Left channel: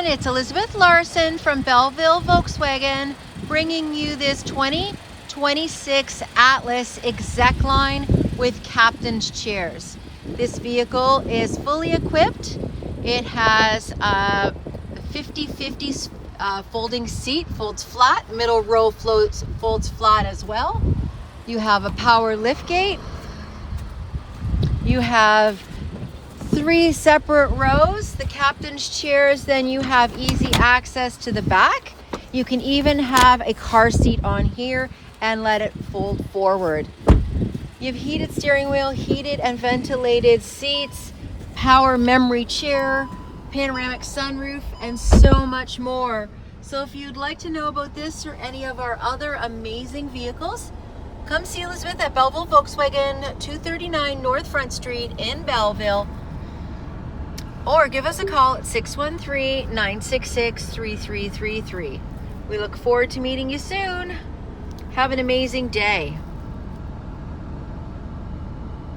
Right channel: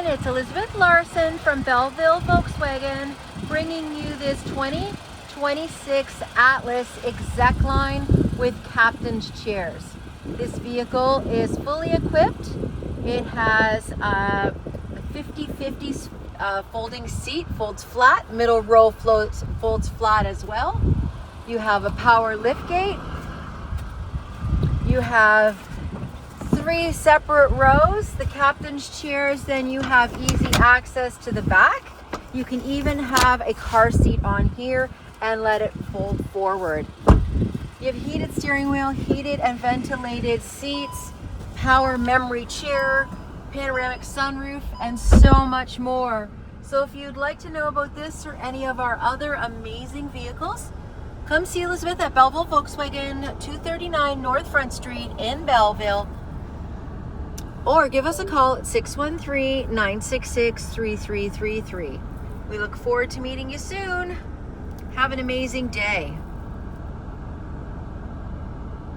everyone, it's Elizabeth Larson from Belleville Volkswagen bringing you this 2026 Atlas Execline with captain's chairs. This vehicle is fully equipped. It has a 50-50 folding seat, folds flat, middle row folds flat as well. You have a power liftgate. You have 3 separate rows. The captain's chairs, then you have easy access to the back. You can even have a car seat on here and let it fold forward. You have heated steering wheel, heated and ventilated seats, power memory chair, panoramic sunroof, and so much more. So if you'd like to know about this or any of our other amazing vehicles, come see Elizabeth at Belleville Volkswagen, 239 North Front Street in Belleville, or give us a call at 613-966-3333. We look forward to meeting you soon. Have an amazing day.